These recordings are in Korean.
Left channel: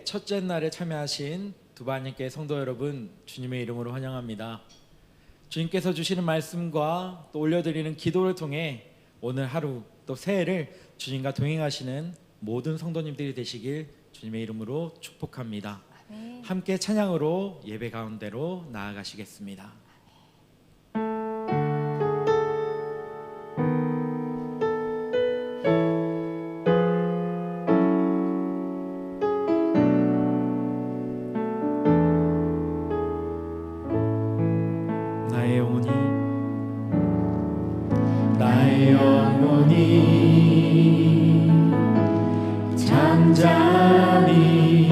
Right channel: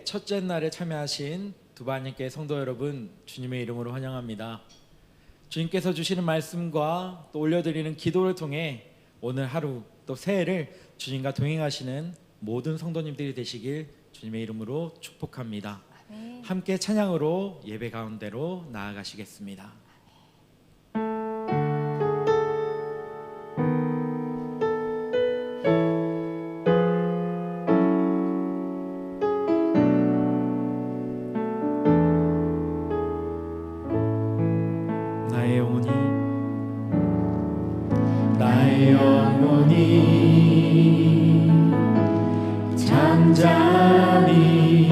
예배 첫째 날에 참여하신 두바님께 성도 여러분, 주님의 이름으로 환영합니다. 주님께서 주시는 말씀과 또 올려드리는 기도를 통해 오늘 하루 또 새해를 주님과 동행하시는 모든 성도님들이 되시길 주님의 이름으로 축복합니다. 아멘. 함께 찬양으로 예배 가운데로 나아가시겠습니다. 나의 영혼이 잠잠히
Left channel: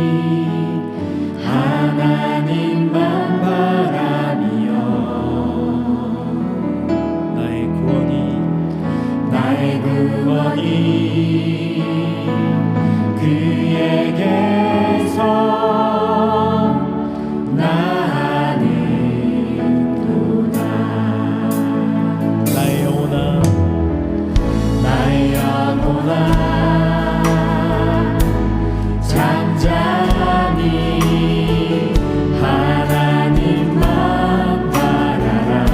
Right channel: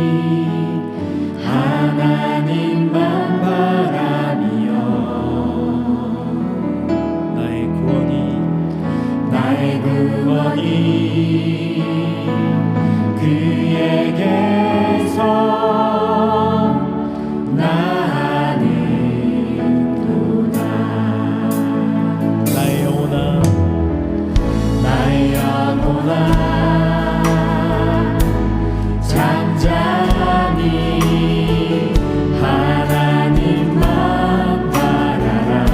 하나님만 바라며 나의 구원이 그에게서 나는도다. 나의 영혼아 잠잠히 하나님만 바라라.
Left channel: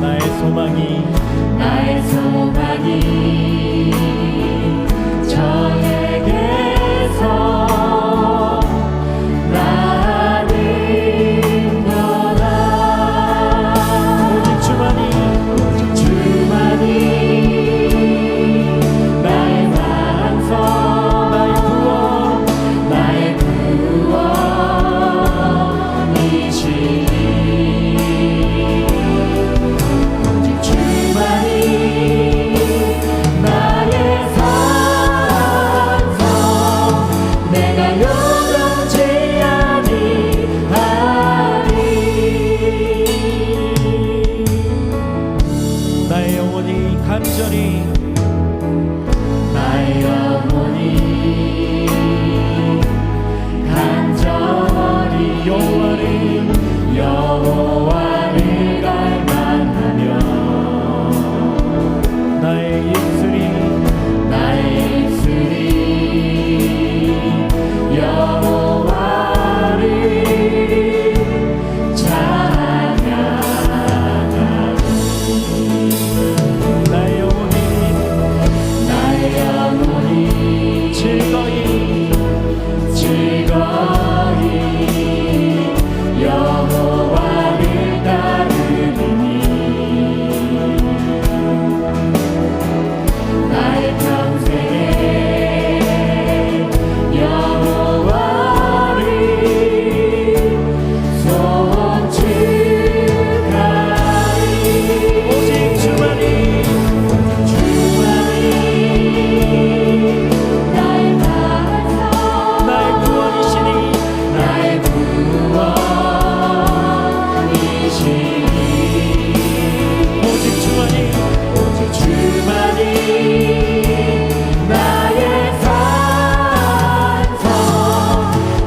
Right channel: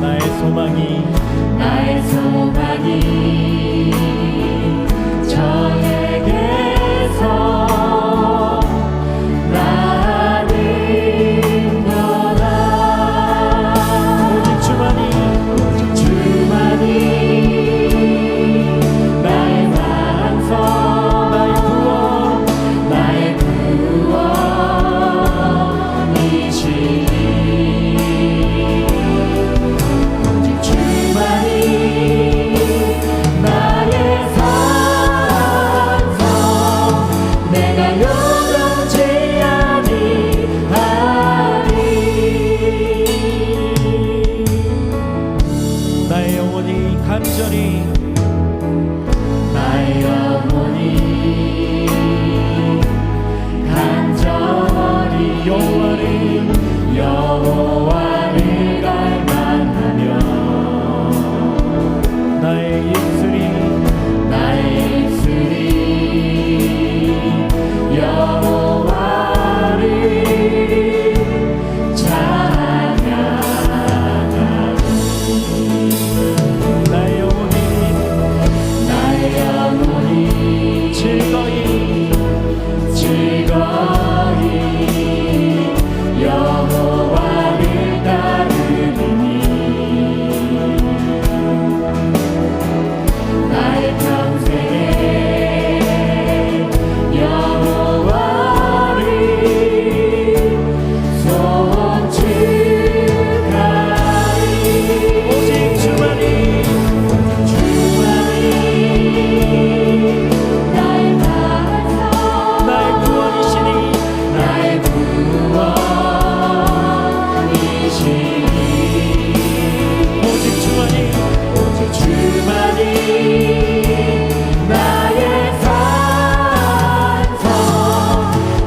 나의 소망이 저에게서 나는도다. 오직 주만이 나의 반석, 나의 구원이시니 오직 주만이 나의 산성, 내가 요동치 아니하리. 나의 영혼이 간절히 여호와를 갈망하며 나의 입술이 여호와를 찬양하리. 나의 영혼이 즐거이 여호와를 따르리니 나의 평생에 여호와를 송축하리. 오직 주만이 나의 반석, 나의 구원이시니 나의 오직 주만이 나의 산성,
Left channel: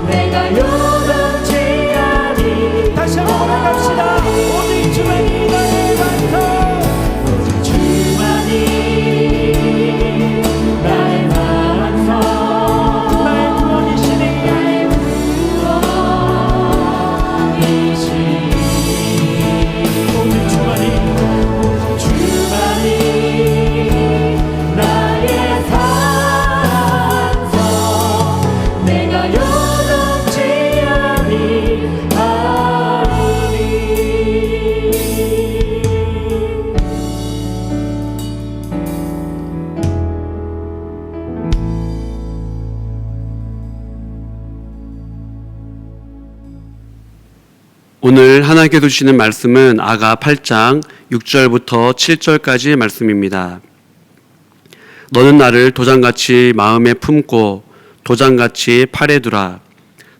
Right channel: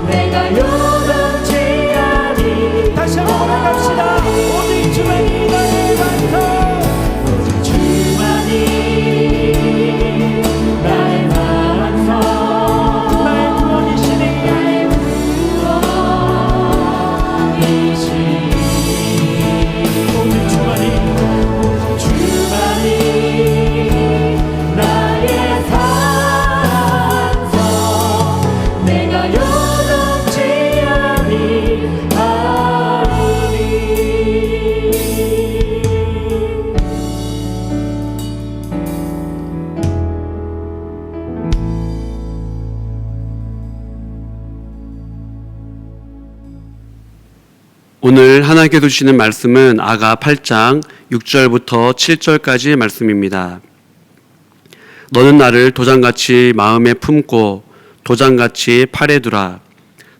내가 요동치 아니. 다시 한번 고백합시다. 오직 주만이 나의 반석, 오직 주만이 나의 반석, 나의 구원이시니 오직 주만이 나의 산성, 내가 요동치 아니하리. 오늘 하나님께서 주시는 말씀은 아가 8장 6절부터 7절까지의 말씀입니다. 너는 나를 도장같이 마음에 품고 도장같이 팔에 두라.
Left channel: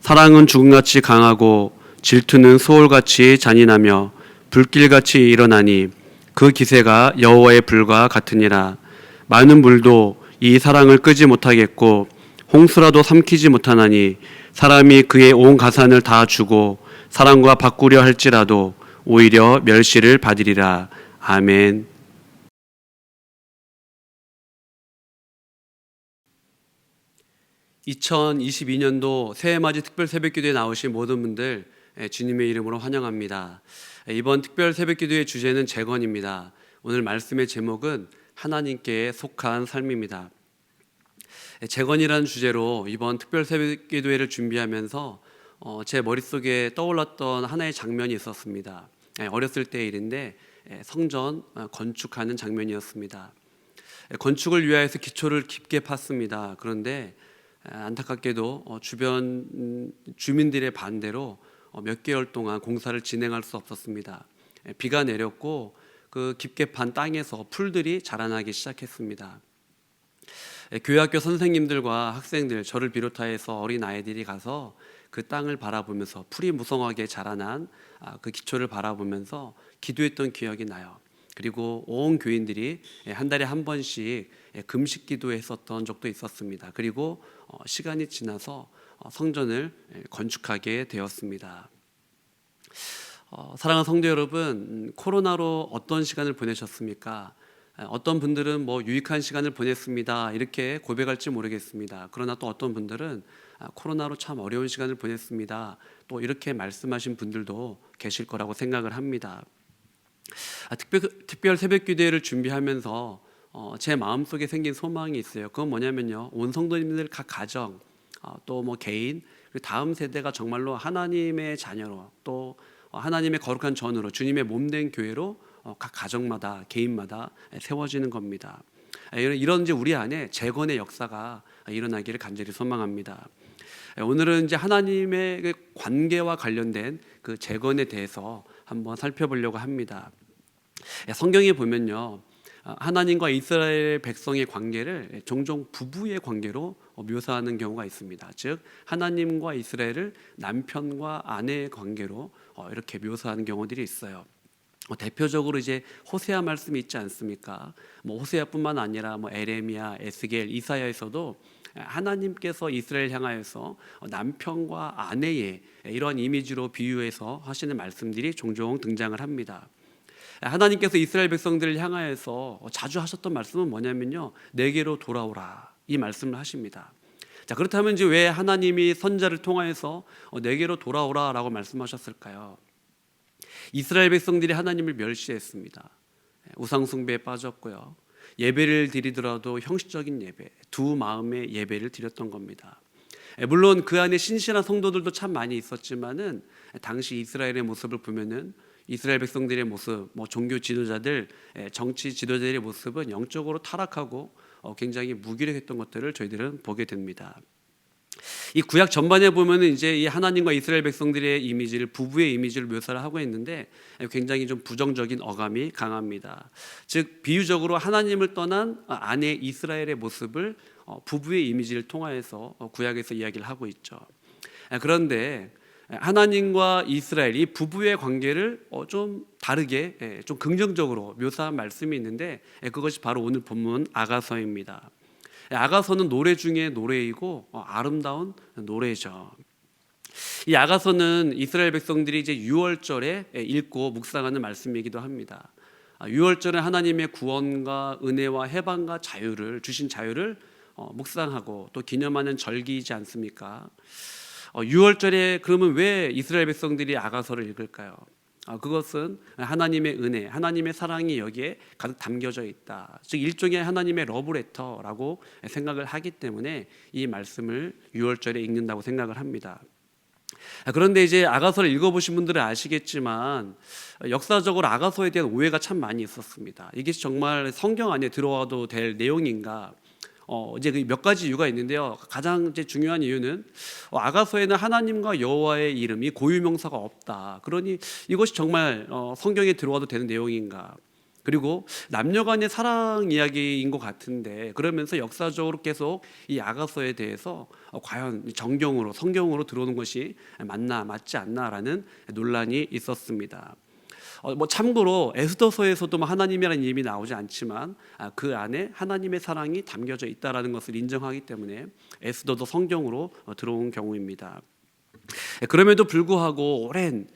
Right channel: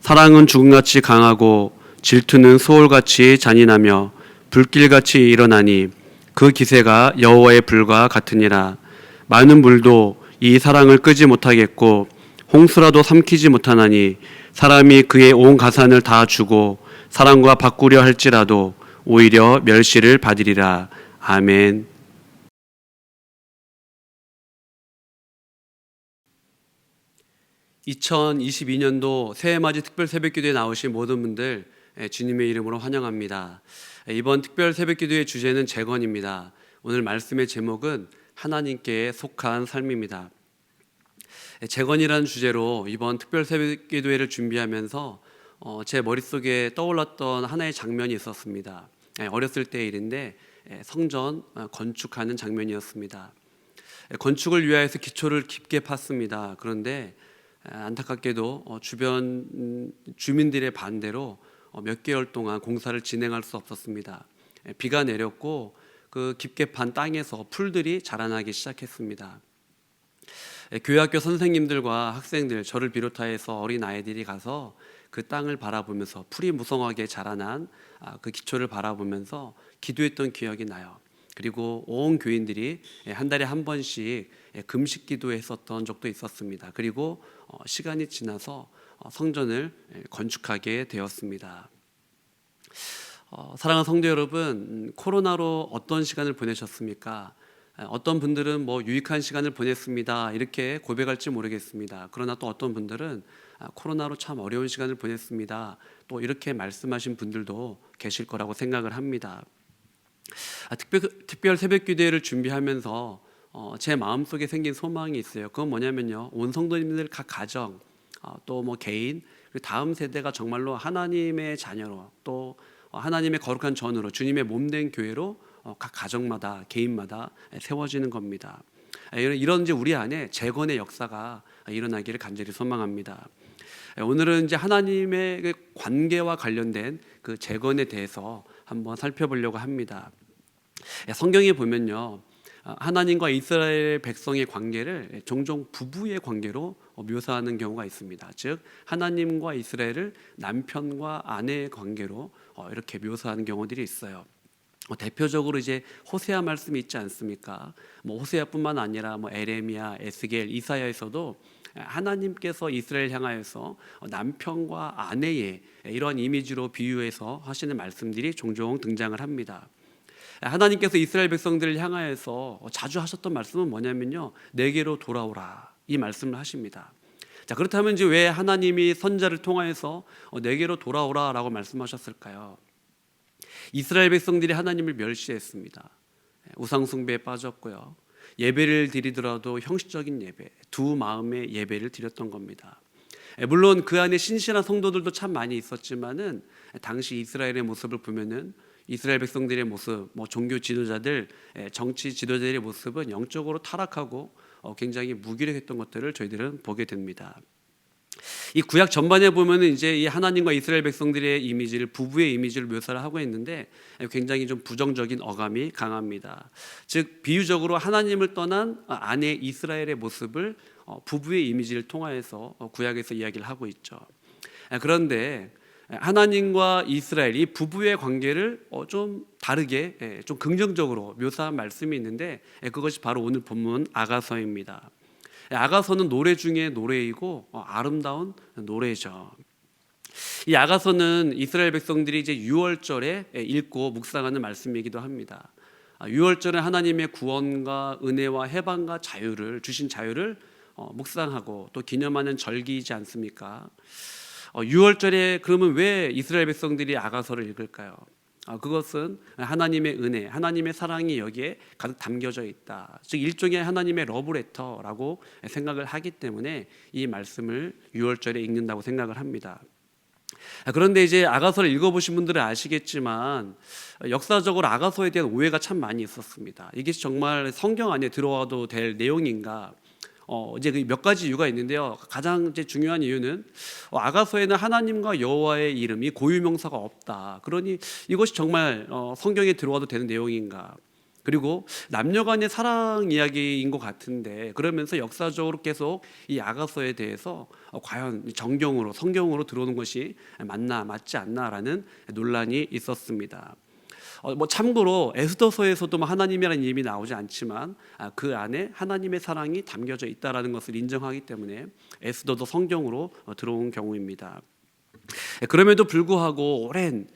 사랑은 죽음같이 강하고 질투는 소울같이 잔인하며 불길같이 일어나니 그 기세가 여호와의 불과 같으니라. 많은 물도 이 사랑을 끄지 못하겠고 홍수라도 삼키지 못하나니 사람이 그의 온 가산을 다 주고 사랑과 바꾸려 할지라도 오히려 멸시를 받으리라. 아멘. 2022년도 새해맞이 특별 새벽기도에 나오신 모든 분들 주님의 이름으로 환영합니다. 이번 특별 새벽기도의 주제는 재건입니다. 오늘 말씀의 제목은 하나님께 속한 삶입니다. 재건이라는 주제로 이번 특별 새벽기도회를 준비하면서 제 머릿속에 떠올랐던 하나의 장면이 있었습니다. 어렸을 때의 일인데 성전 건축하는 장면이었습니다. 건축을 위하여서 기초를 깊게 팠습니다. 그런데 안타깝게도 주변 주민들의 반대로 몇 개월 동안 공사를 진행할 수 없었습니다. 비가 내렸고 그 깊게 판 땅에서 풀들이 자라나기 시작했습니다. 교회학교 선생님들과 학생들, 저를 비롯하여서 어린 아이들이 가서 그 땅을 바라보면서 풀이 무성하게 자라난 그 기초를 바라보면서 기도했던 기억이 나요. 그리고 온 교인들이 한 달에 한 번씩 금식 기도했었던 적도 있었습니다. 그리고 시간이 지나서 성전을 건축하게 되었습니다. 사랑하는 성도 여러분, 코로나로 어떤 시간을 보내셨습니까? 어떤 분들은 유익한 시간을 보냈습니다 이렇게 고백할지 모르겠습니다. 그러나 또 어떤 분들은 코로나로 참 어려운 시간을 보냈습니다 또 이렇게 말씀하신 분들도 계실 거라고 생각을 합니다. 특별 새벽기도회를 준비하면서 제 마음속에 생긴 소망이 있어요. 그건 뭐냐면요, 온 성도님들 각 가정 또 개인 그리고 다음 세대가 정말로 하나님의 자녀로 또 하나님의 거룩한 전으로 주님의 몸된 교회로 각 가정마다 개인마다 세워지는 겁니다. 이런 이제 우리 안에 재건의 역사가 일어나기를 간절히 소망합니다. 오늘은 이제 하나님의 관계와 관련된 그 재건에 대해서 한번 살펴보려고 합니다. 성경에 보면요, 하나님과 이스라엘 백성의 관계를 종종 부부의 관계로 묘사하는 경우가 있습니다. 즉 하나님과 이스라엘을 남편과 아내의 관계로 이렇게 묘사하는 경우들이 있어요. 대표적으로 이제 호세아 말씀이 있지 않습니까? 호세아뿐만 아니라 에레미야, 에스겔, 이사야에서도 하나님께서 이스라엘 향하여서 남편과 아내의 이러한 이미지로 비유해서 하시는 말씀들이 종종 등장을 합니다. 하나님께서 이스라엘 백성들을 향하여서 자주 하셨던 말씀은 뭐냐면요, 내게로 돌아오라, 이 말씀을 하십니다. 자, 그렇다면 이제 왜 하나님이 선지자를 통하여서 내게로 돌아오라라고 말씀하셨을까요? 이스라엘 백성들이 하나님을 멸시했습니다. 우상 숭배에 빠졌고요, 예배를 드리더라도 형식적인 예배, 두 마음의 예배를 드렸던 겁니다. 물론 그 안에 신실한 성도들도 참 많이 있었지만은 당시 이스라엘의 모습을 보면은 이스라엘 백성들의 모습, 종교 지도자들, 정치 지도자들의 모습은 영적으로 타락하고 굉장히 무기력했던 것들을 저희들은 보게 됩니다. 이 구약 전반에 보면은 이제 이 하나님과 이스라엘 백성들의 이미지를, 부부의 이미지를 묘사를 하고 있는데 굉장히 좀 부정적인 어감이 강합니다. 즉 비유적으로 하나님을 떠난 아내 이스라엘의 모습을 부부의 이미지를 통하여서 구약에서 이야기를 하고 있죠. 그런데 하나님과 이스라엘 이 부부의 관계를 좀 다르게 좀 긍정적으로 묘사한 말씀이 있는데 그것이 바로 오늘 본문 아가서입니다. 아가서는 노래 중에 노래이고 아름다운 노래죠. 이 아가서는 이스라엘 백성들이 이제 유월절에 읽고 묵상하는 말씀이기도 합니다. 유월절에 하나님의 구원과 은혜와 해방과 자유를 주신 자유를 묵상하고 또 기념하는 절기이지 않습니까? 유월절에 그러면 왜 이스라엘 백성들이 아가서를 읽을까요? 그것은 하나님의 은혜, 하나님의 사랑이 여기에 가득 담겨져 있다. 즉 일종의 하나님의 러브레터라고 생각을 하기 때문에 이 말씀을 유월절에 읽는다고 생각을 합니다. 그런데 이제 아가서를 읽어보신 분들은 아시겠지만 역사적으로 아가서에 대한 오해가 참 많이 있었습니다. 이게 정말 성경 안에 들어와도 될 내용인가? 이제 몇 가지 이유가 있는데요. 가장 이제 중요한 이유는 아가서에는 하나님과 여호와의 이름이 고유명사가 없다. 그러니 이것이 정말 성경에 들어와도 되는 내용인가? 그리고 남녀간의 사랑 이야기인 것 같은데 그러면서 역사적으로 계속 이 아가서에 대해서 과연 정경으로 성경으로 들어오는 것이 맞나 맞지 않나라는 논란이 있었습니다. 참고로 에스더서에서도 하나님이라는 이름이 나오지 않지만 그 안에 하나님의 사랑이 담겨져 있다라는 것을 인정하기 때문에 에스더도 성경으로 들어온 경우입니다. 그럼에도 불구하고 오랜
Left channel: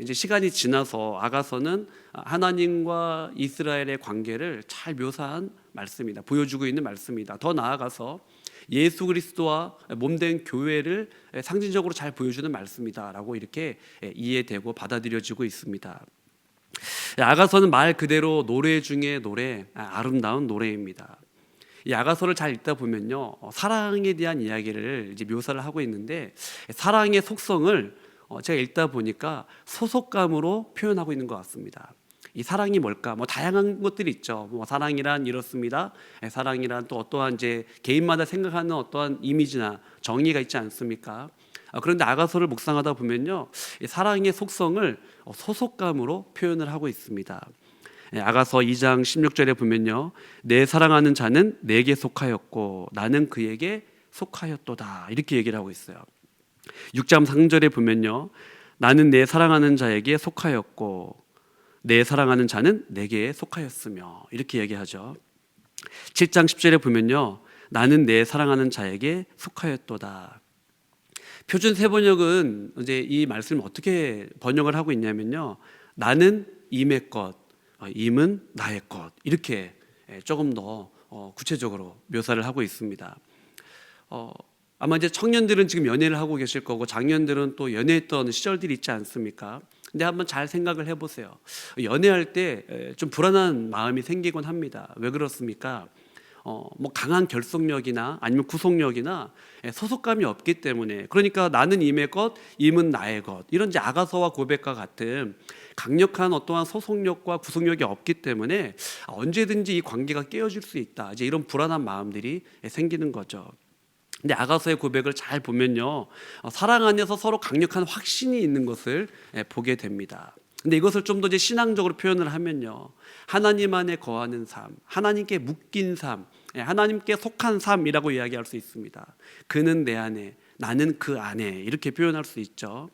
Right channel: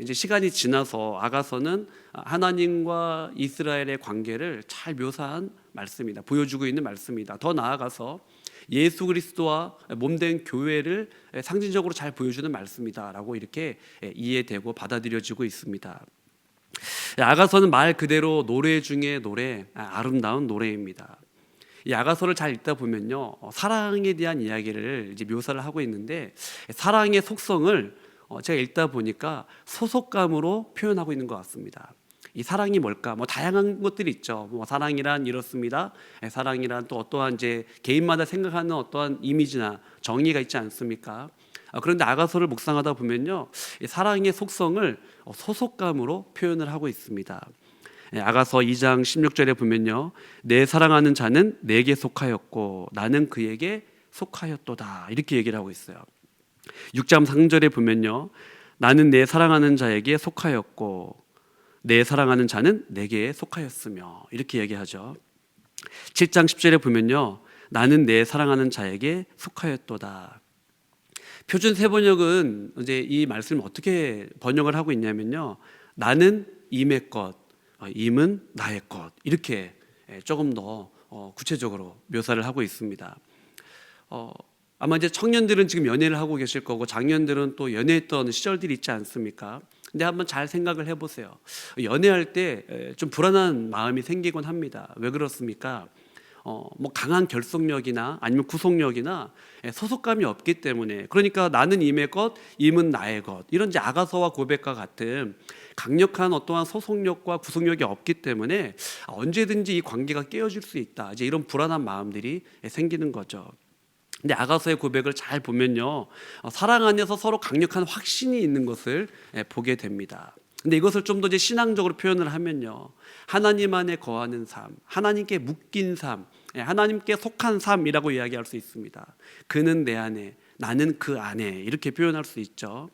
이제 시간이 지나서 아가서는 하나님과 이스라엘의 관계를 잘 묘사한 말씀이다, 보여주고 있는 말씀이다. 더 나아가서 예수 그리스도와 몸된 교회를 상징적으로 잘 보여주는 말씀이다라고 이렇게 이해되고 받아들여지고 있습니다. 아가서는 말 그대로 노래 중에 노래, 아름다운 노래입니다. 이 아가서를 잘 읽다 보면요, 사랑에 대한 이야기를 이제 묘사를 하고 있는데, 사랑의 속성을 제가 읽다 보니까 소속감으로 표현하고 있는 것 같습니다. 이 사랑이 뭘까? 뭐 다양한 것들이 있죠. 뭐 사랑이란 이렇습니다. 사랑이란 또 어떠한 이제 개인마다 생각하는 어떠한 이미지나 정의가 있지 않습니까? 그런데 아가서를 묵상하다 보면요, 이 사랑의 속성을 소속감으로 표현을 하고 있습니다. 아가서 2장 16절에 보면요, 내 사랑하는 자는 내게 속하였고 나는 그에게 속하였도다, 이렇게 얘기를 하고 있어요. 6장 3절에 보면요, 나는 내 사랑하는 자에게 속하였고 내 사랑하는 자는 내게 속하였으며, 이렇게 얘기하죠. 7장 10절에 보면요, 나는 내 사랑하는 자에게 속하였도다. 표준 세번역은 이제 이 말씀을 어떻게 번역을 하고 있냐면요, 나는 임의 것, 임은 나의 것, 이렇게 조금 더 구체적으로 묘사를 하고 있습니다. 아마 이제 청년들은 지금 연애를 하고 계실 거고 장년들은 또 연애했던 시절들이 있지 않습니까? 근데 한번 잘 생각을 해보세요. 연애할 때 좀 불안한 마음이 생기곤 합니다. 왜 그렇습니까? 뭐 강한 결속력이나 아니면 구속력이나 소속감이 없기 때문에, 그러니까 나는 임의 것, 임은 나의 것, 이런 이제 아가서와 고백과 같은 강력한 어떠한 소속력과 구속력이 없기 때문에 언제든지 이 관계가 깨어질 수 있다, 이제 이런 불안한 마음들이 생기는 거죠. 근데 아가서의 고백을 잘 보면요, 사랑 안에서 서로 강력한 확신이 있는 것을 보게 됩니다. 근데 이것을 좀 더 이제 신앙적으로 표현을 하면요, 하나님 안에 거하는 삶, 하나님께 묶인 삶, 하나님께 속한 삶이라고 이야기할 수 있습니다. 그는 내 안에, 나는 그 안에, 이렇게 표현할 수 있죠.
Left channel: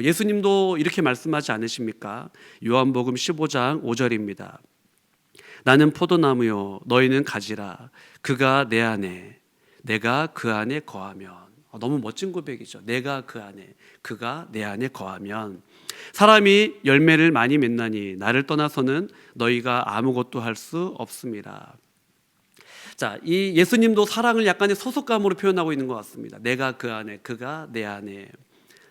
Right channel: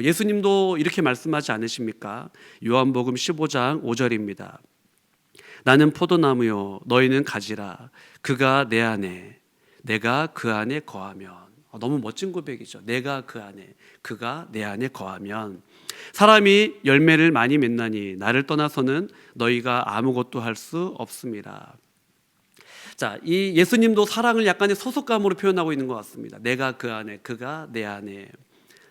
예수님도 이렇게 말씀하지 않으십니까? 요한복음 15장 5절입니다. 나는 포도나무요 너희는 가지라. 그가 내 안에, 내가 그 안에 거하면. 너무 멋진 고백이죠. 내가 그 안에, 그가 내 안에 거하면. 사람이 열매를 많이 맺나니 나를 떠나서는 너희가 아무것도 할 수 없습니다. 자, 이 예수님도 사랑을 약간의 소속감으로 표현하고 있는 것 같습니다. 내가 그 안에, 그가 내 안에.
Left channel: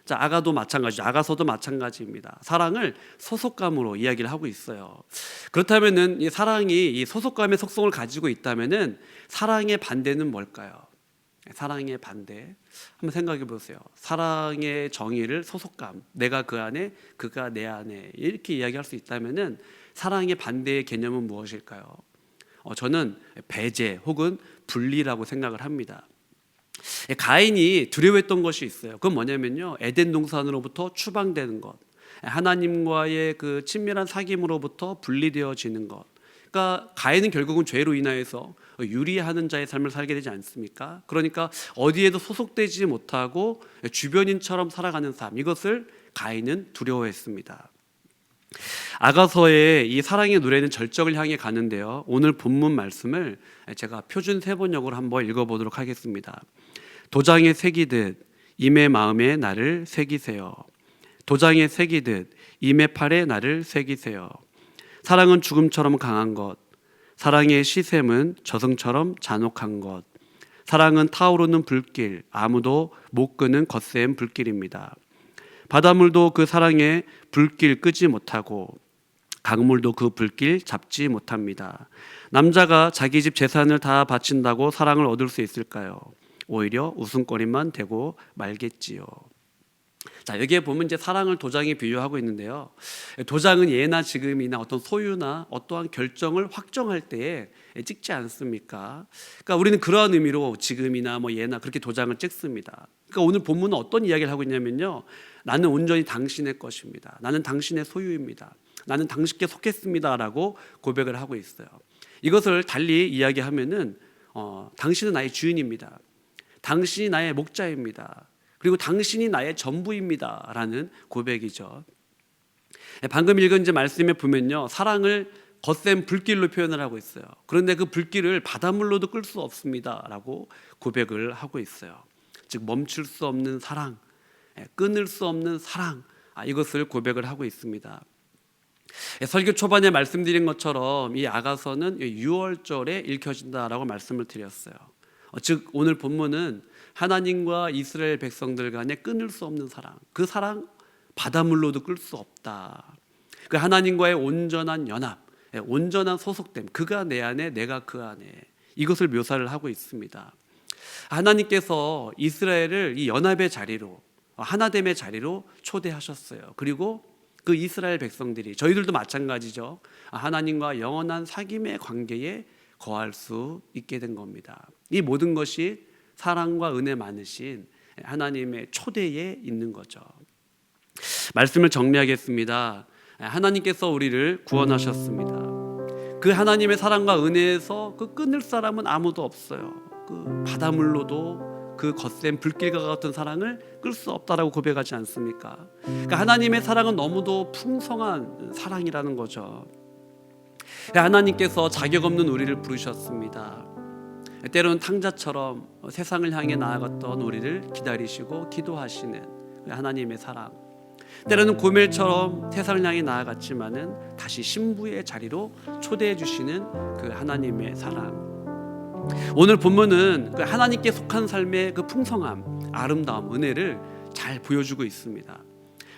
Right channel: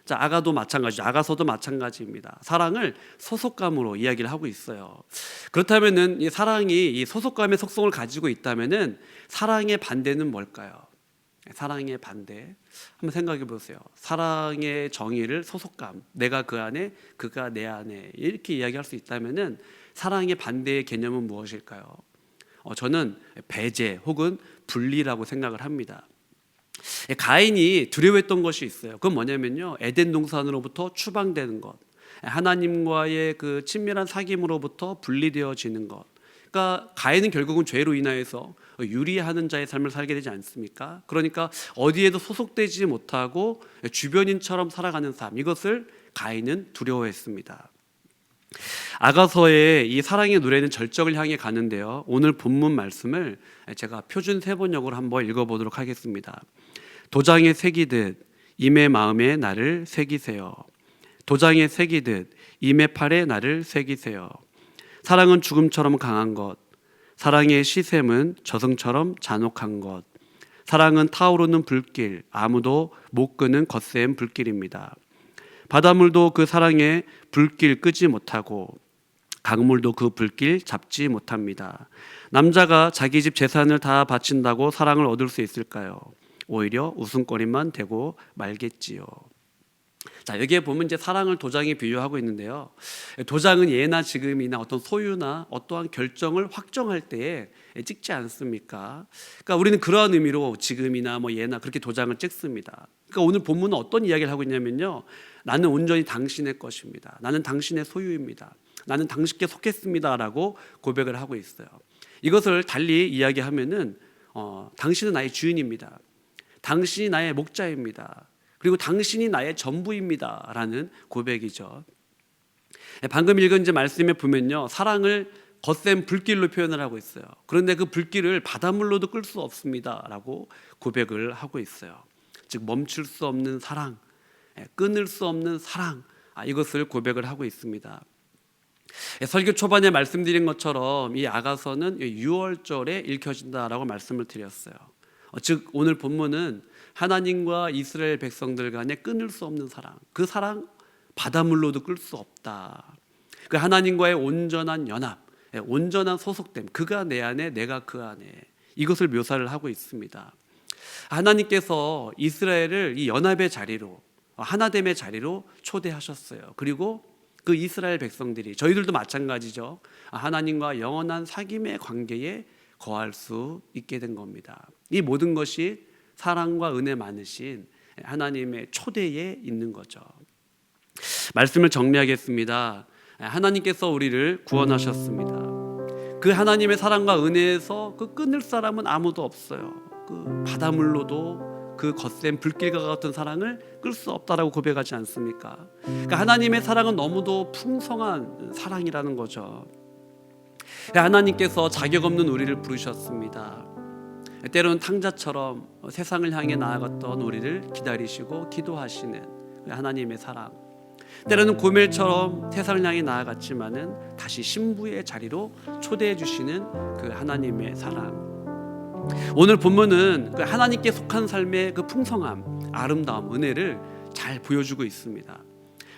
자, 아가도 마찬가지죠. 아가서도 마찬가지입니다. 사랑을 소속감으로 이야기를 하고 있어요. 그렇다면은 이 사랑이 이 소속감의 속성을 가지고 있다면은 사랑의 반대는 뭘까요? 사랑의 반대, 한번 생각해 보세요. 사랑의 정의를 소속감, 내가 그 안에, 그가 내 안에, 이렇게 이야기할 수 있다면은 사랑의 반대의 개념은 무엇일까요? 저는 배제 혹은 분리라고 생각을 합니다. 가인이 두려워했던 것이 있어요. 그건 뭐냐면요, 에덴 동산으로부터 추방되는 것, 하나님과의 그 친밀한 사귐으로부터 분리되어지는 것. 그러니까 가인은 결국은 죄로 인하여서 유리하는 자의 삶을 살게 되지 않습니까? 그러니까 어디에도 소속되지 못하고 주변인처럼 살아가는 삶, 이것을 가인은 두려워했습니다. 아가서의 이 사랑의 노래는 절정을 향해 가는데요, 오늘 본문 말씀을 제가 표준 세번역으로 한번 읽어보도록 하겠습니다. 도장에 새기듯 임의 마음에 나를 새기세요. 도장에 새기듯 임의 팔에 나를 새기세요. 사랑은 죽음처럼 강한 것, 사랑의 시샘은 저승처럼 잔혹한 것, 사랑은 타오르는 불길, 아무도 못 끄는 거센 불길입니다. 바닷물도 그 사랑의 불길 끄지 못하고 강물도 그 불길 잡지 못합니다. 남자가 자기 집 재산을 다 바친다고 사랑을 얻을 수 있을까요? 오히려 웃음거리만 되고 말겠지요. 자, 여기에 보면 이제 사랑을 도장에 비유하고 있는데요, 도장은 예나 지금이나 어떤 소유나 어떠한 결정을 확정할 때에 찍지 않습니까? 그러니까 우리는 그러한 의미로 지금이나 뭐 예나 그렇게 도장을 찍습니다. 그러니까 오늘 본문은 어떤 이야기를 하고 있냐면요, 나는 온전히 당신의 것입니다. 나는 당신의 소유입니다. 나는 당신께 속했습니다라고 고백을 하고 있어요. 이것을 달리 이야기하면은 당신은 나의 주인입니다. 당신이 나의 목자입니다. 그리고 당신이 나의 전부입니다 라는 고백이죠. 방금 읽은 이제 말씀에 보면요, 사랑을 거센 불길로 표현을 하고 있어요. 그런데 그 불길을 바닷물로도 끌 수 없습니다 라고 고백을 하고 있어요. 즉 멈출 수 없는 사랑, 끊을 수 없는 사랑, 이것을 고백을 하고 있습니다. 설교 초반에 말씀드린 것처럼 이 아가서는 6월절에 읽혀진다라고 말씀을 드렸어요. 즉 오늘 본문은 하나님과 이스라엘 백성들 간에 끊을 수 없는 사랑, 그 사랑 바닷물로도 끌 수 없다. 그 하나님과의 온전한 연합, 온전한 소속됨, 그가 내 안에 내가 그 안에, 이것을 묘사를 하고 있습니다. 하나님께서 이스라엘을 이 연합의 자리로, 하나됨의 자리로 초대하셨어요. 그리고 그 이스라엘 백성들이, 저희들도 마찬가지죠, 하나님과 영원한 사귐의 관계에 거할 수 있게 된 겁니다. 이 모든 것이 사랑과 은혜 많으신 하나님의 초대에 있는 거죠. 말씀을 정리하겠습니다. 하나님께서 우리를 구원하셨습니다. 그 하나님의 사랑과 은혜에서 그 끊을 사람은 아무도 없어요. 그 바닷물로도 그 거센 불길과 같은 사랑을 끌 수 없다라고 고백하지 않습니까? 그러니까 하나님의 사랑은 너무도 풍성한 사랑이라는 거죠. 하나님께서 자격 없는 우리를 부르셨습니다. 때로는 탕자처럼 세상을 향해 나아갔던 우리를 기다리시고 기도하시는 하나님의 사랑, 때로는 고멜처럼 세상을 향해 나아갔지만은 다시 신부의 자리로 초대해 주시는 그 하나님의 사랑. 오늘 본문은 그 하나님께 속한 삶의 그 풍성함, 아름다움, 은혜를 잘 보여주고 있습니다.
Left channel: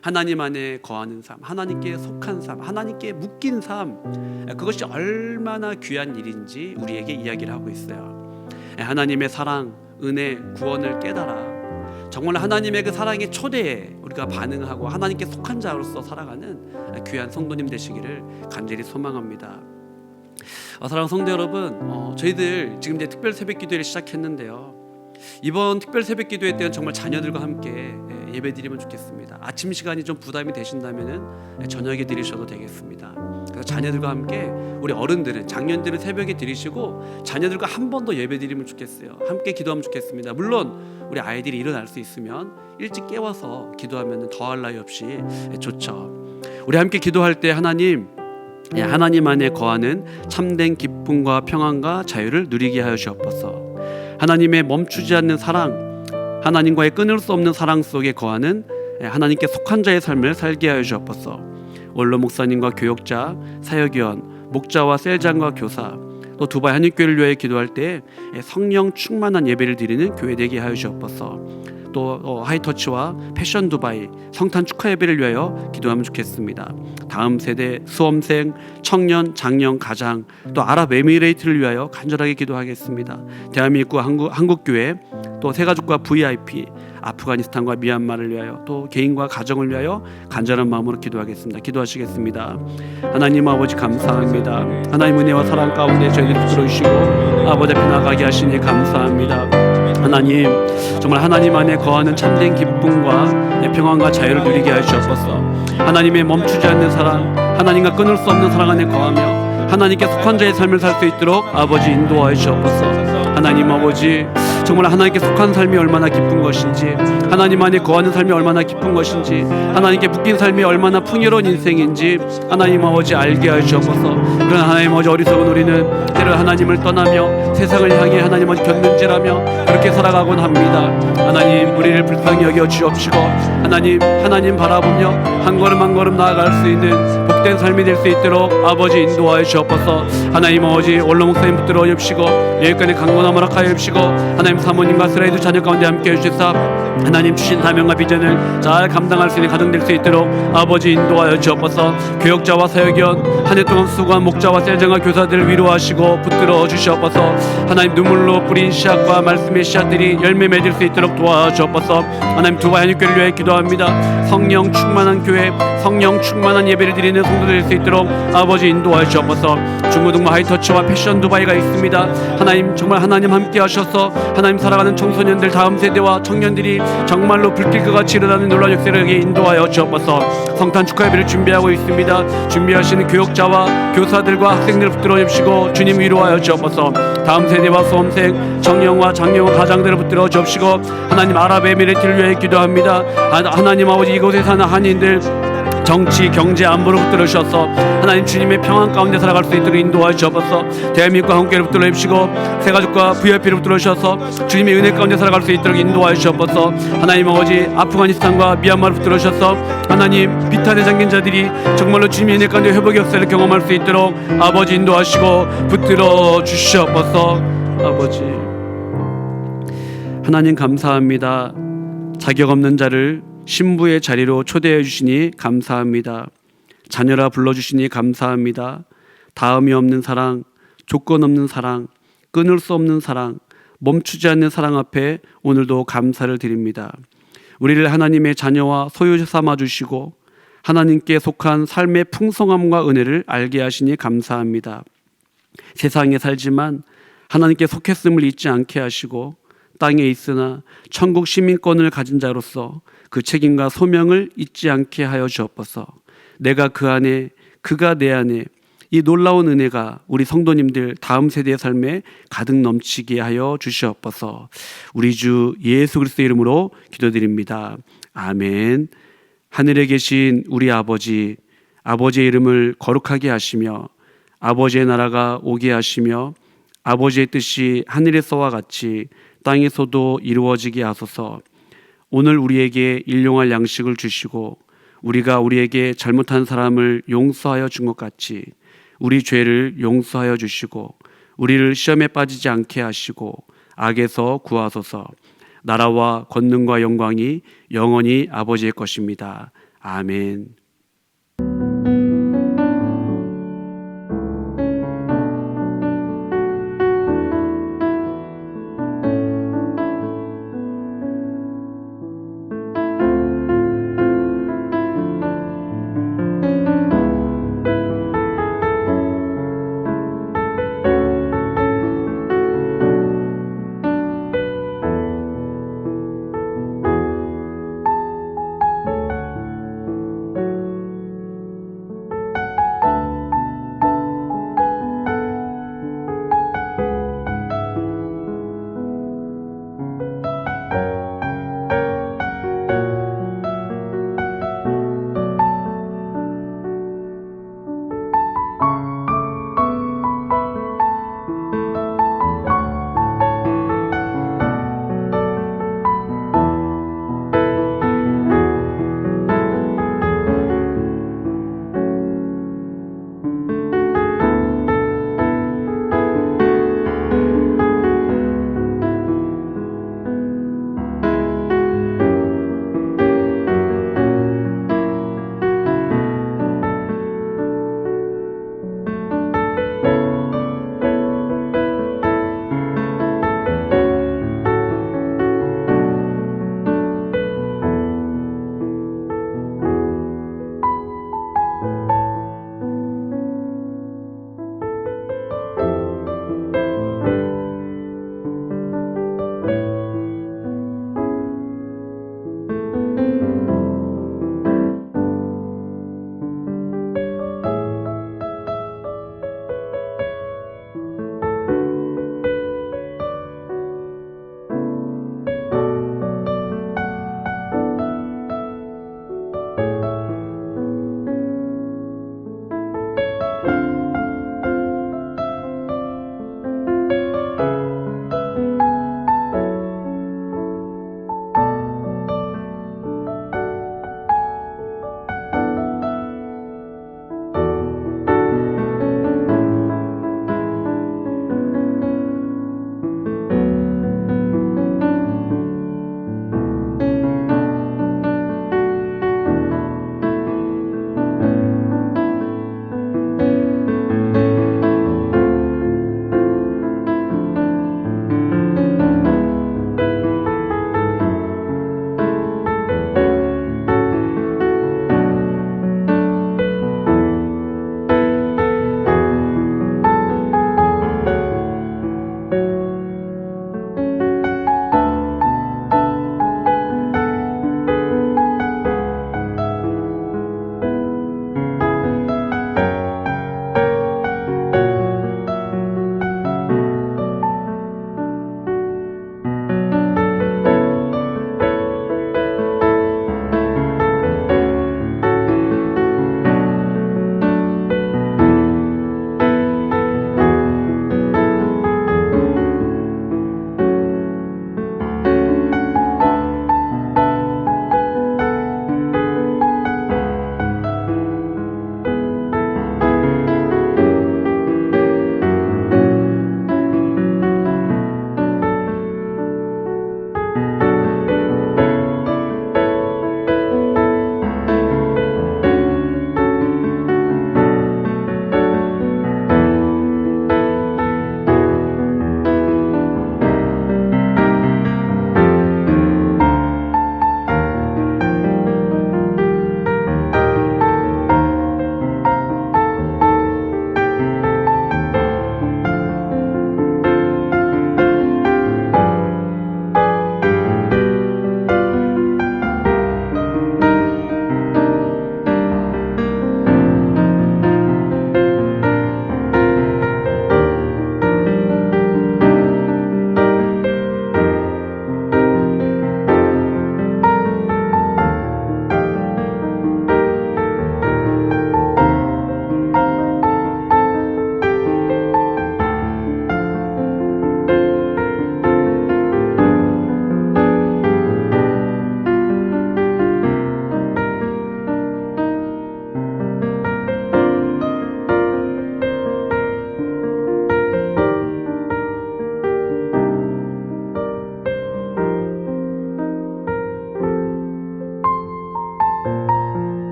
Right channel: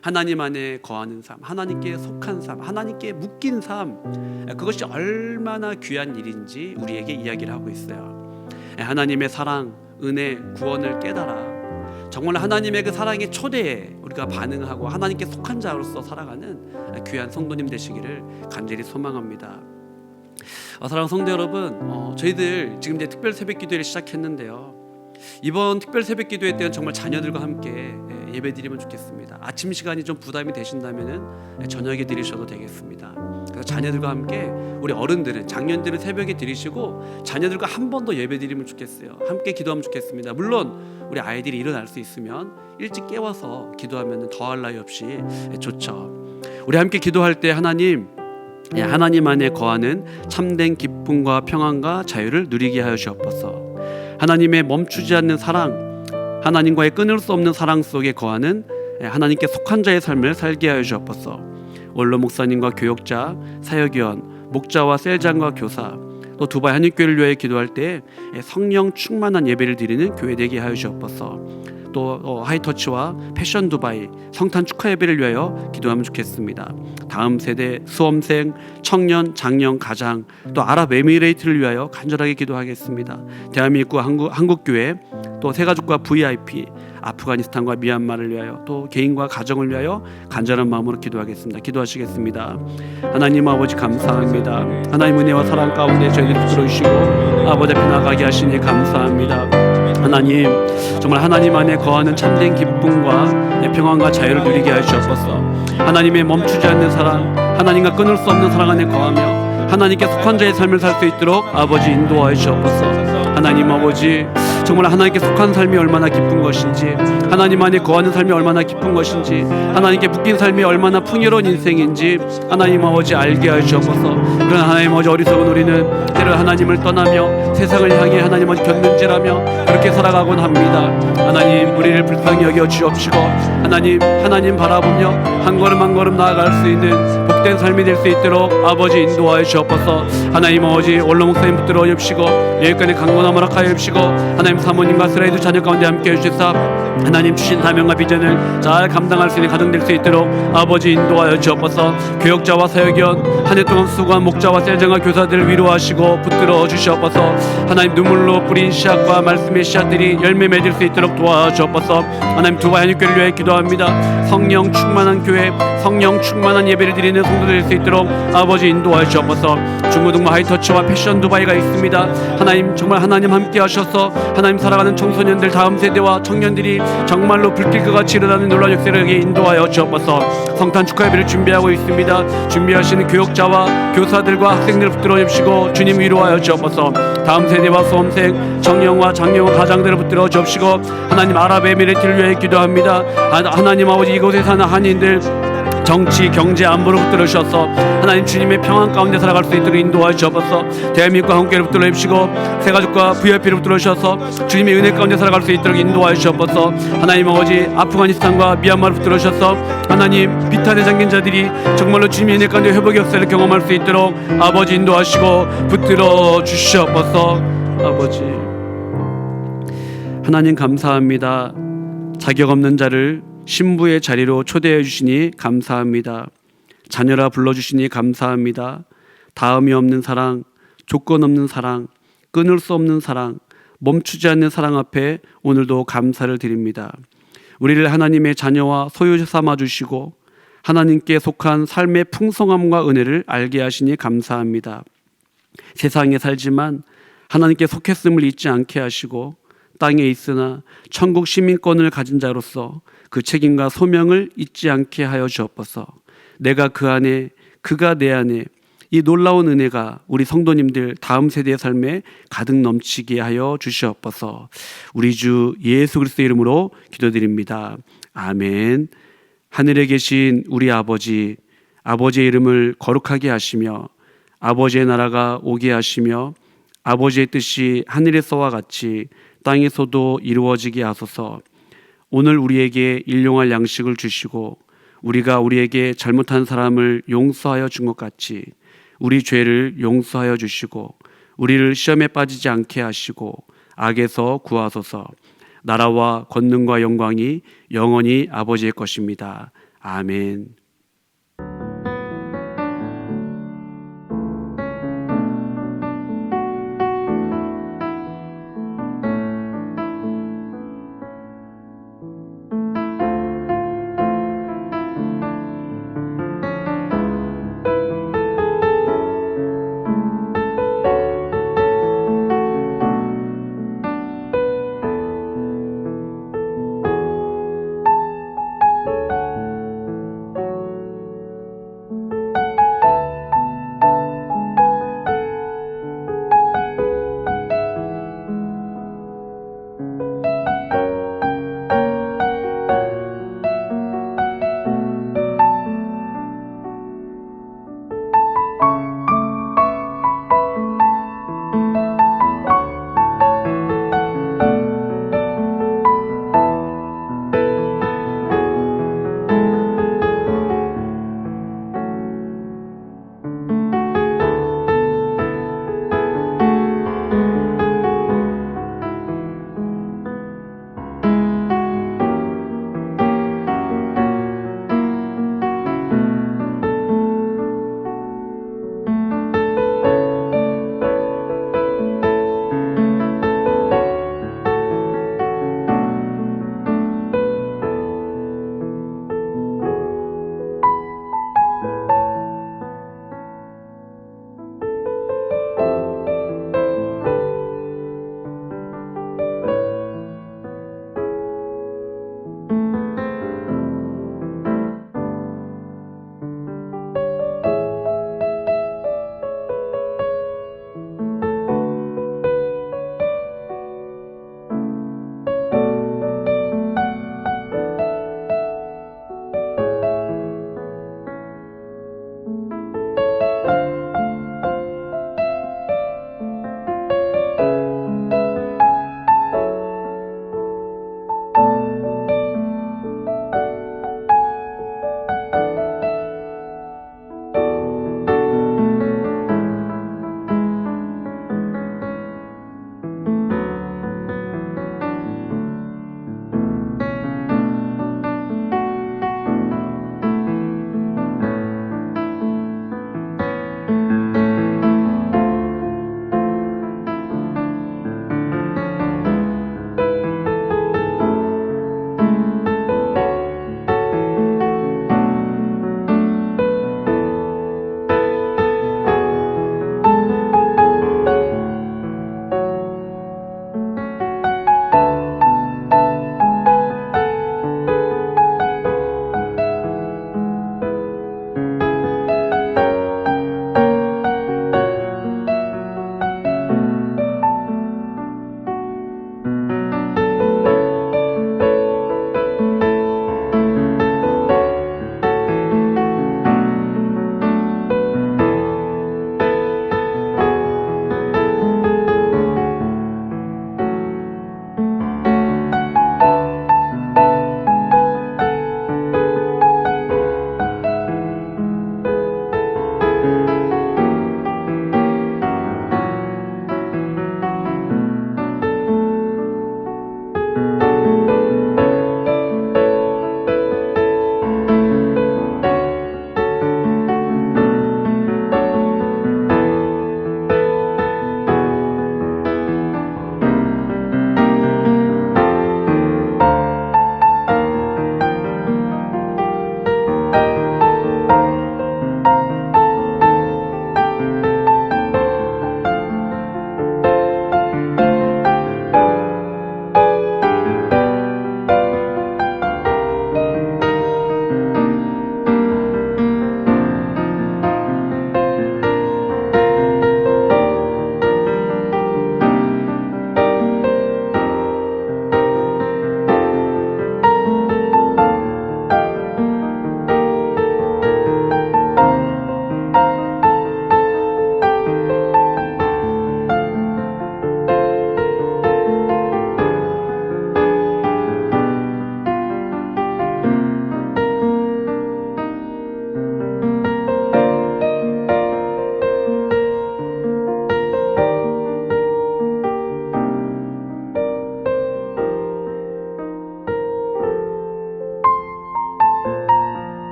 하나님 안에 거하는 삶, 하나님께 속한 삶, 하나님께 묶인 삶, 그것이 얼마나 귀한 일인지 우리에게 이야기를 하고 있어요. 하나님의 사랑, 은혜, 구원을 깨달아 정말 하나님의 그 사랑의 초대에 우리가 반응하고 하나님께 속한 자로서 살아가는 귀한 성도님 되시기를 간절히 소망합니다. 사랑하는 성도 여러분, 저희들 지금 이제 특별 새벽 기도회를 시작했는데요, 이번 특별 새벽 기도회 때는 정말 자녀들과 함께 예배 드리면 좋겠습니다. 아침 시간이 좀 부담이 되신다면은 저녁에 드리셔도 되겠습니다. 그래서 자녀들과 함께, 우리 어른들은, 장년들은 새벽에 드리시고 자녀들과 한 번 더 예배 드리면 좋겠어요. 함께 기도하면 좋겠습니다. 물론 우리 아이들이 일어날 수 있으면 일찍 깨워서 기도하면 더할 나위 없이 좋죠. 우리 함께 기도할 때 하나님 안에 거하는 참된 기쁨과 평안과 자유를 누리게 하여 주옵소서. 하나님의 멈추지 않는 사랑, 하나님과의 끊을 수 없는 사랑 속에 거하는 하나님께 속한 자의 삶을 살게 하여 주옵소서. 원로 목사님과 교역자, 사역위원, 목자와 셀장과 교사, 또 두바이 한인교회를 위하여 기도할 때 성령 충만한 예배를 드리는 교회 되게 하여 주옵소서. 또 하이터치와 패션 두바이 성탄 축하 예배를 위하여 기도하면 좋겠습니다. 다음 세대 수험생, 청년, 장년, 가장, 또 아랍에미레이트를 위하여 간절하게 기도하겠습니다. 대한민국 한국교회, 또 새가족과 VIP, 아프가니스탄과 미얀마를 위하여, 또 개인과 가정을 위하여 간절한 마음으로 기도하겠습니다. 기도하시겠습니다. 하나님 아버지 감사합니다. 하나님 은혜와 사랑 가운데 저희들을 들어주시고 아버지 앞에 나가게 하시니 감사합니다. 하나님, 정말 하나님 안에 거하는 참된 기쁨과 평안과 자유를 누리게 하여 주옵소서. 하나님의 멈추지 않는 사랑, 하나님과 끊을 수 없는 사랑 안에 거하며 하나님께 속한 자의 삶을 살 수 있도록 아버지 인도하여 주옵소서. 하나님 아버지, 정말 하나님께 속한 삶이 얼마나 기쁜 것인지, 하나님 안에 거하는 삶이 얼마나 기쁜 것인지, 하나님께 묶인 삶이 얼마나 풍요로운 인생인지 하나님 아버지 알게 하여 주옵소서. 그러나 하나님 아버지, 어리석은 우리는 때로 하나님을 떠나며 세상을 향해 하나님 아버지 곁눈질하며 그렇게 살아가곤 합니다. 하나님, 우리를 불쌍히 여겨 주옵시고 하나님 바라보며 한 걸음 한 걸음 나아갈 수 있는 복된 삶이 될 수 있도록 아버지 인도하여 주옵소서. 하나님 아버지, 원로 목사님 붙들어 주시고 여기까지 강건함 허락하여 주시고 하나님 사모님과 스라이드 자녀 가운데 함께 해주시사 하나님 주신 사명과 비전을 잘 감당할 수 있는 가정 될 수 있도록 아버지 인도하여 주옵소서. 교역자와 사역위원, 한 해 동안 수고한 목자와 셀장과 교사들을 위로하시고 붙들어 주시옵소서. 하나님, 눈물로 뿌린 씨앗과 말씀의 씨앗들이 열매 맺을 수 있도록 도와주옵소서. 하나님, 두바이 한인교회를 위해 기도합니다. 성령 충만한 교회, 성령 충만한 예배를 드리는 성도들 될 수 있도록 아버지 인도하여 주옵소서. 중고등부 하이터치와 패션 두바이가 있습니다. 하나님, 정말 하나님 함께 하셔서 하나님 살아가는 청소년들, 다음 세대와 청년들이 정말로 불길과 같이 일어나는 놀라운 역사를 인도하여 주옵소서. 성탄 축하 예배를 준비하고 있습니다. 준비하시는 교역자와 교사들과 학생들을 붙들어 주시고 주님 위로하여 주옵소서. 다음 세대와 수험생, 청년과 장년과 가장들을 붙들어 주옵시고 하나님 아랍에미레이트를 위해 기도합니다. 하나님 아버지, 이곳에 사는 한인들 정치, 경제, 안보를 붙들어 주셔서 하나님 주님의 평안 가운데 살아갈 수 있도록 인도하여 주옵소서. 대한민국과 한국교회를 붙들어 주시고 새가족과 VIP를 붙들어 주셔서 주님의 은혜 가운데 살아갈 수 있도록 인도하여 주옵소서. 하나님 아버지, 아프가니스탄과 미얀마를 붙들어 주셔서 하나님 비탄에 잠긴 자들이 정말로 주님의 은혜 가운데 회복의 역사를 경험할 수 있도록 아버지 인도하시고 붙들어 주시옵소서. 아버지, 하나님 감사합니다. 자격 없는 자를 신부의 자리로 초대해 주시니 감사합니다. 자녀라 불러주시니 감사합니다. 다음이 없는 사랑, 조건 없는 사랑, 끊을 수 없는 사랑, 멈추지 않는 사랑 앞에 오늘도 감사를 드립니다. 우리를 하나님의 자녀와 소유 삼아 주시고 하나님께 속한 삶의 풍성함과 은혜를 알게 하시니 감사합니다. 세상에 살지만 하나님께 속했음을 잊지 않게 하시고 땅에 있으나 천국 시민권을 가진 자로서 그 책임과 소명을 잊지 않게 하여 주옵소서. 내가 그 안에, 그가 내 안에, 이 놀라운 은혜가 우리 성도님들 다음 세대의 삶에 가득 넘치게 하여 주시옵소서. 우리 주 예수 그리스도의 이름으로 기도드립니다. 아멘. 하늘에 계신 우리 아버지, 아버지의 이름을 거룩하게 하시며 아버지의 나라가 오게 하시며 아버지의 뜻이 하늘에서와 같이 땅에서도 이루어지게 하소서. 오늘 우리에게 일용할 양식을 주시고 우리가 우리에게 잘못한 사람을 용서하여 준 것 같이 우리 죄를 용서하여 주시고 우리를 시험에 빠지지 않게 하시고 악에서 구하소서. 나라와 권능과 영광이 영원히 아버지의 것입니다. 아멘.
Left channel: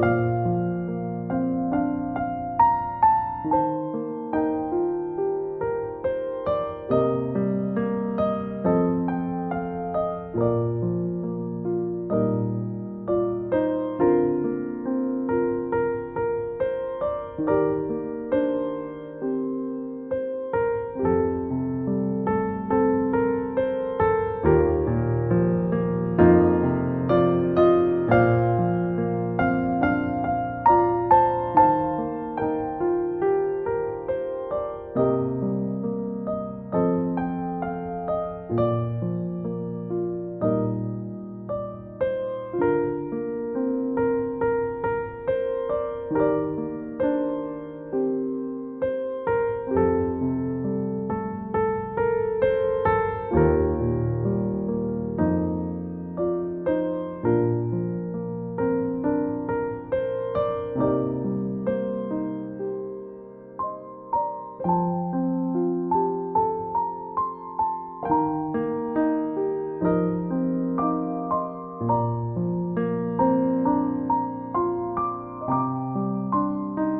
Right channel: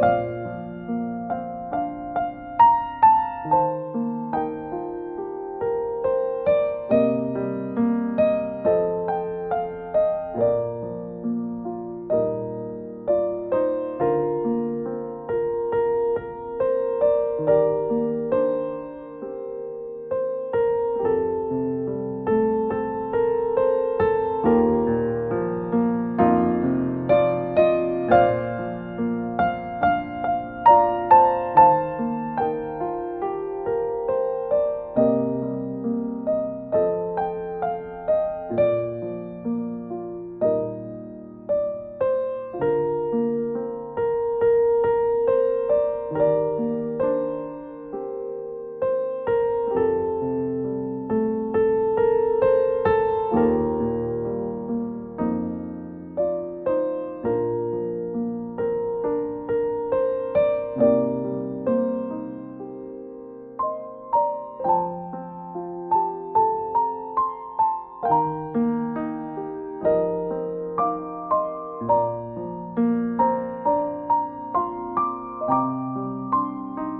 주님.